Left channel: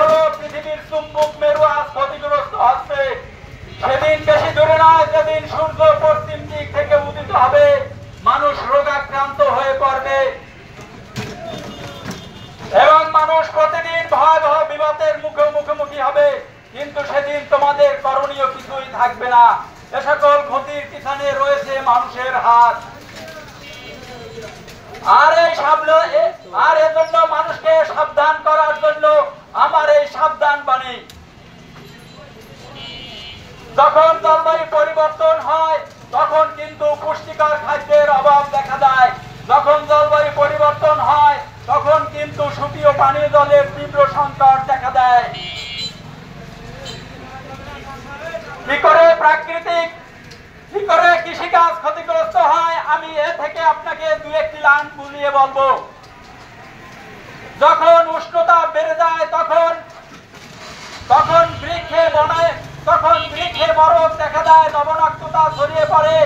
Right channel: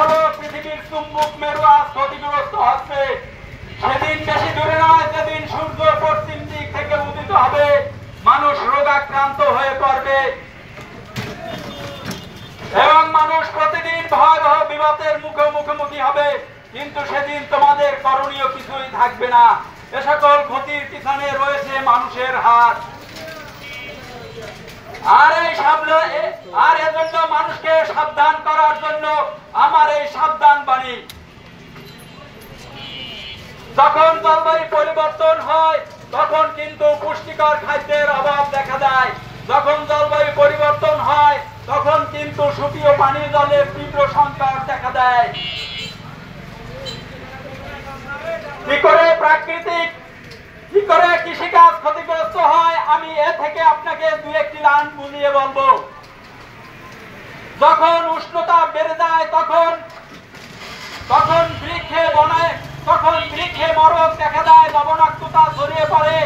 হলো পৃথিবীর চুম্বক মেরু আজ ক্ষতিগ্রস্ত হচ্ছে। সেদিন বেশি দূরে নয়, যেদিন সূর্য পশ্চিম দিক থেকে উদিত হবে, মানুষ রোগাক্রান্ত হয়ে পড়বে এবং মানুষ প্রতিদিন ভয়াবহ বিপদের মুখোমুখি হবে। কিন্তু সেদিন তোমাদের করণীয় কিছুই থাকবে না। এ সকল ক্ষতির পিছনে রয়েছে মানুষের হাত। আর এজন্য মানুষকে সাবধান করার জন্য আমার এই সাবধান বাণী। যখন জলবায়ু পরিবর্তন হয় তখন কিন্তু পুষ্টিকর খাদ্যের অভাব দেখা দেয়। যখন জলবায়ু পরিবর্তন হয় তখন কিন্তু সুপেয় পানীয় জলের তীব্র সংকট দেখা দেয়। কি করে কৃষিকাজ ক্ষতিগ্রস্ত হয়, আমি এ থেকে আপনাকে দু একটি লাইন বুঝিয়ে বলবো। যখন উষ্ণতা বেড়ে যায় তখন বৃক্ষে মরক দেখা দেয়, লবণাক্ততা ছড়িয়ে পড়ে।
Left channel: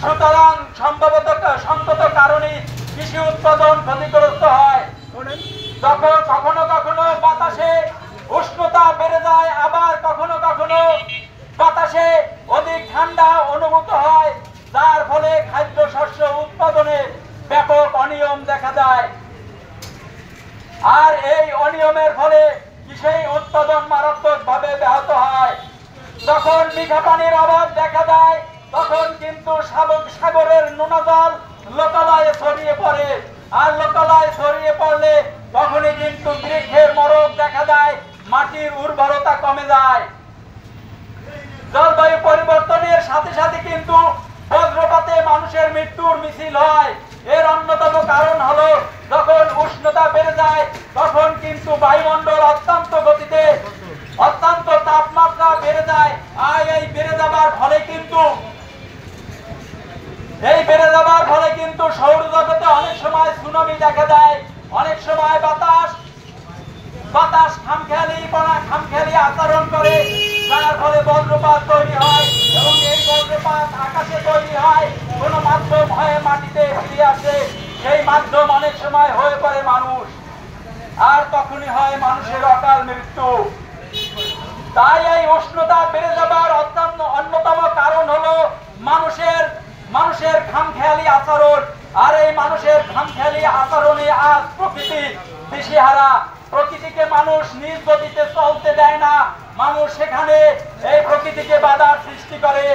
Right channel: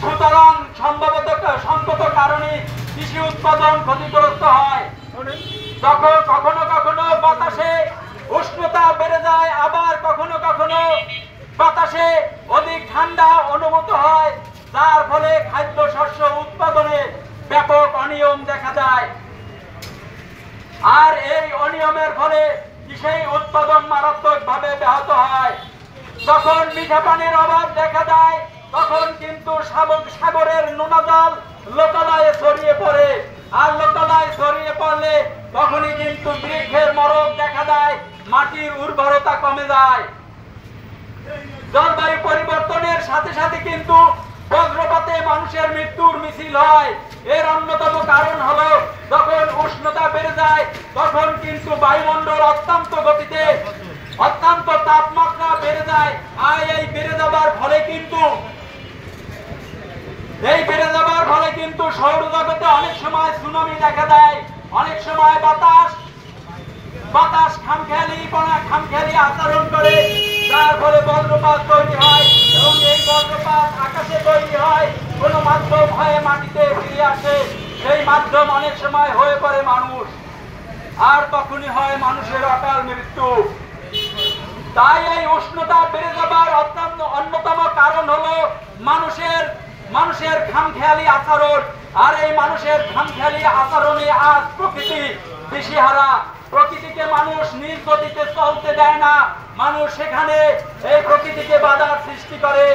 সুতরাং সঙ্গত কারণে কৃষি উৎপাদন ক্ষতিগ্রস্ত হয়। তখন কখনো বাতাসে উষ্ণতা বেড়ে যায়, আবার কখনো বাতাসে অধিক ঠান্ডা অনুভূত হয়, যার ফলে খাদ্য শস্য উৎপাদনে ব্যাপক অনিয়ম দেখা যায়। আর এই অনিয়মের ফলে কৃষি উৎপাদন মারাত্মকভাবে ব্যাহত হয়। যখন মিঠা পানির অভাব দেখা দেয় তখন কিন্তু সাগরের নোনা জল লোকালয়ে ছড়িয়ে পড়ে। আর লোকালয়ে ছড়িয়ে পড়লে তখনই কিন্তু বৃক্ষের মরক দেখা দেয়, মাটির উর্বরতা কমে যায়। জলবায়ু পরিবর্তনের সাথে সাথে কিন্তু বজ্রপাতে মানুষের মৃত্যুর মিছিল হয়। এর অন্যতম কারণ হলো যখন উষ্ণতা বেড়ে যায় তখন কিন্তু বায়ুমণ্ডল অত্যন্ত তাপমাত্রা বেড়ে যায়। আর এই বেড়ে যাবার ফলে কিন্তু সৌরজগতে অনেক সময় সুনামি দেখা দেয়, অনেক সময় বাতাস খামখেয়ালি আচরণ করে, যার ফলে বজ্রপাত তৈরি হয় এবং এই বজ্রপাত আকাশে তৈরি হয়, কোন মাধ্যম হয়ে মাটিতে ফিরে আসে। সেই মাধ্যম অনেক সময় হয়ে পড়ে মানুষ, আর তখনই হয় মানুষের অকাল মৃত্যু। তাই এই উষ্ণতা বেড়ে যাবার অন্যতম কারণ হলো মানুষের খামখেয়ালি আচরণ। আর এই মানুষের খামখেয়ালি আচরণে আজ প্রকৃতি দিশেহারা। প্রকৃতিকে মানুষ নিজ গতিতে চলতে দেয় না, মানুষ সেখানে এই প্রকৃতিকে বাধার সৃষ্টি করে।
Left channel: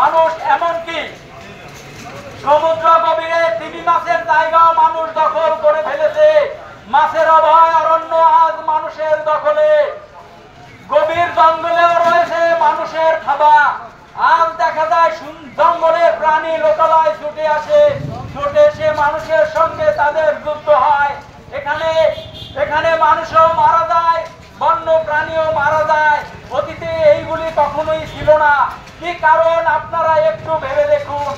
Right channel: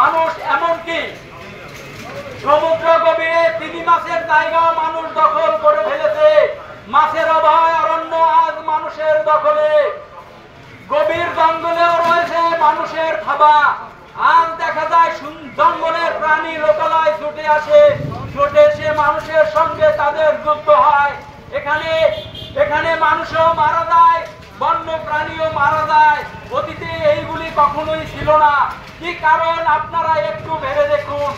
মানুষ এমনকি সমুদ্র গভীরে তিমি মাছের জায়গা মানুষ দখল করে ফেলেছে। মাছের অভয় অরণ্য আজ মানুষের দখলে। গভীর জঙ্গলেও রয়েছে মানুষের থাবা। আজ দেখা যায় জঙ্গলের প্রাণী লোকালয়ে ছুটে এসে মানুষের সঙ্গে তাদের যুদ্ধ হয়। এখানে মানুষও মারা যায়, বন্য প্রাণীও মারা যায়। অতীতে এইগুলি কখনোই ছিল না। কি কারণ আপনারা একটু ভেবে দেখুন।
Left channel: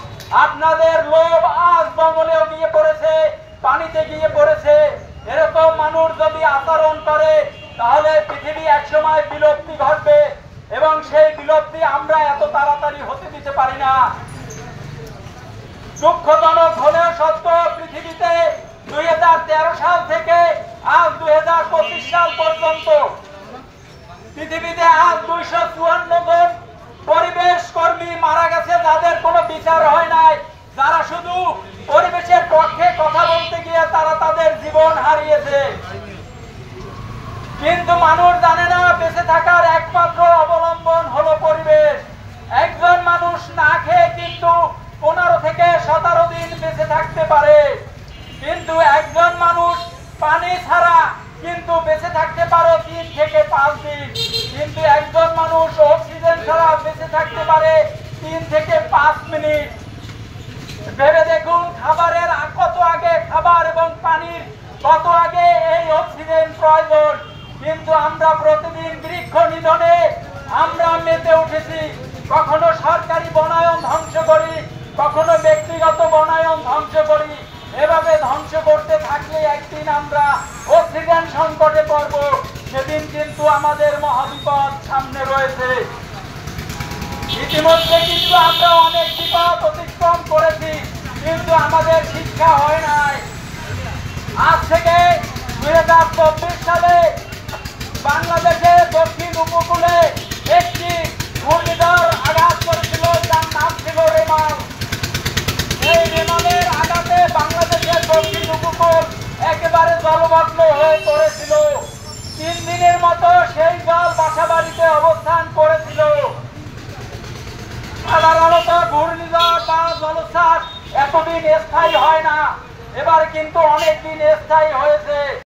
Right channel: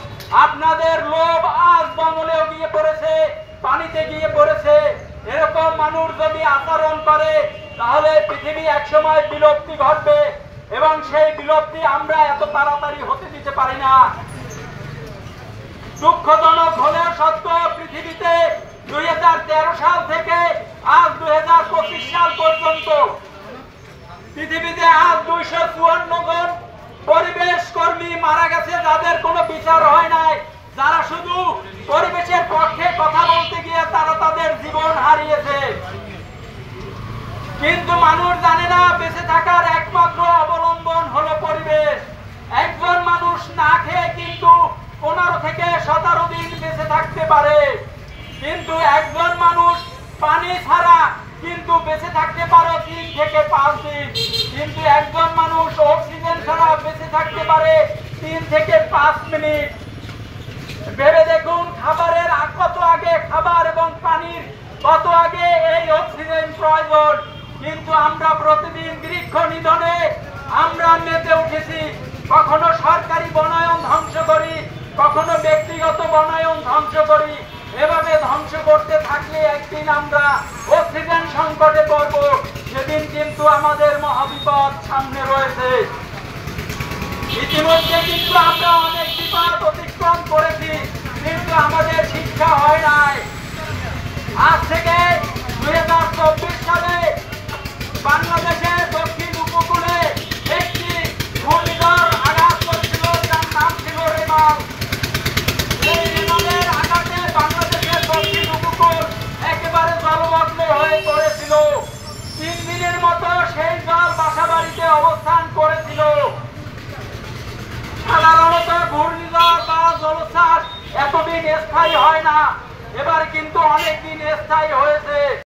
আপনাদের লোভ আজ জঙ্গলেও গিয়ে পড়েছে, পানিতে গিয়ে পড়েছে। এরকম মানুষ যদি আচরণ করে তাহলে পৃথিবী একসময় বিলুপ্তি ঘটবে এবং সেই বিলুপ্তি আমরা এত তাড়াতাড়ি হতে দিতে পারি না। দুঃখজনক হলেও সত্য, পৃথিবীতে 2013 সাল থেকে আজ 2025 সাল পর্যন্ত পৃথিবীতে আজ 254 জন পরিবেশ কর্মী মারা গেছে, যাদের কোনো বিচার হয় নাই। যারা শুধু পরিবেশের পক্ষে কথা বলতে গিয়ে তারা তাদের জীবন হারিয়েছে। কিন্তু মানুষ জানে না বেঁচে থাকার একমাত্র অবলম্বন হলো পরিবেশ। একজন মানুষ না খেয়ে কিন্তু 15 থেকে 17 দিন বেঁচে থাকতে পারে, কিন্তু একজন মানুষ পানি ছাড়া কিন্তু বেঁচে থাকতে পারে 3 থেকে 5 দিন। কিন্তু একজন মানুষ অক্সিজেন ছাড়া বেঁচে থাকতে পারে 3 থেকে 5 মিনিট। ভেবে দেখুন, খাবারের কত আগে খাবার এবং পানির কত আগে এই অক্সিজেন প্রয়োজন। কিন্তু আমরা প্রতিদিন বৃক্ষ নিধনে আমরা মেতে উঠেছি। কখনো সরকারি বনায়ন ধ্বংস করি, কখনো ব্যক্তিগত বনায়ন ধ্বংস করি। এভাবে ধ্বংস করতে থাকলে একদিন আমরা অক্সিজেন সংকটে পড়ব। সেদিন কিন্তু আমাদের মহাবিপদ সামনে রয়েছে। ইতিমধ্যে কিন্তু আমরা অনেক বিপদ অতিক্রম করেছি, কিন্তু আমাদের শিক্ষা হয় নাই। আজ থেকে 2024 সালে বাংলাদেশ জলমগ্ন হয়ে পড়েছিল। 3 দিনের মতো সেই জল বাসাবাড়িতে অবস্থান করেছিল। সাধারণত ঘূর্ণিঝড় বা জলোচ্ছ্বাস এতদিন স্থায়ী হয় না, এবার কিন্তু অনেকদিন স্থায়ী হয়েছে।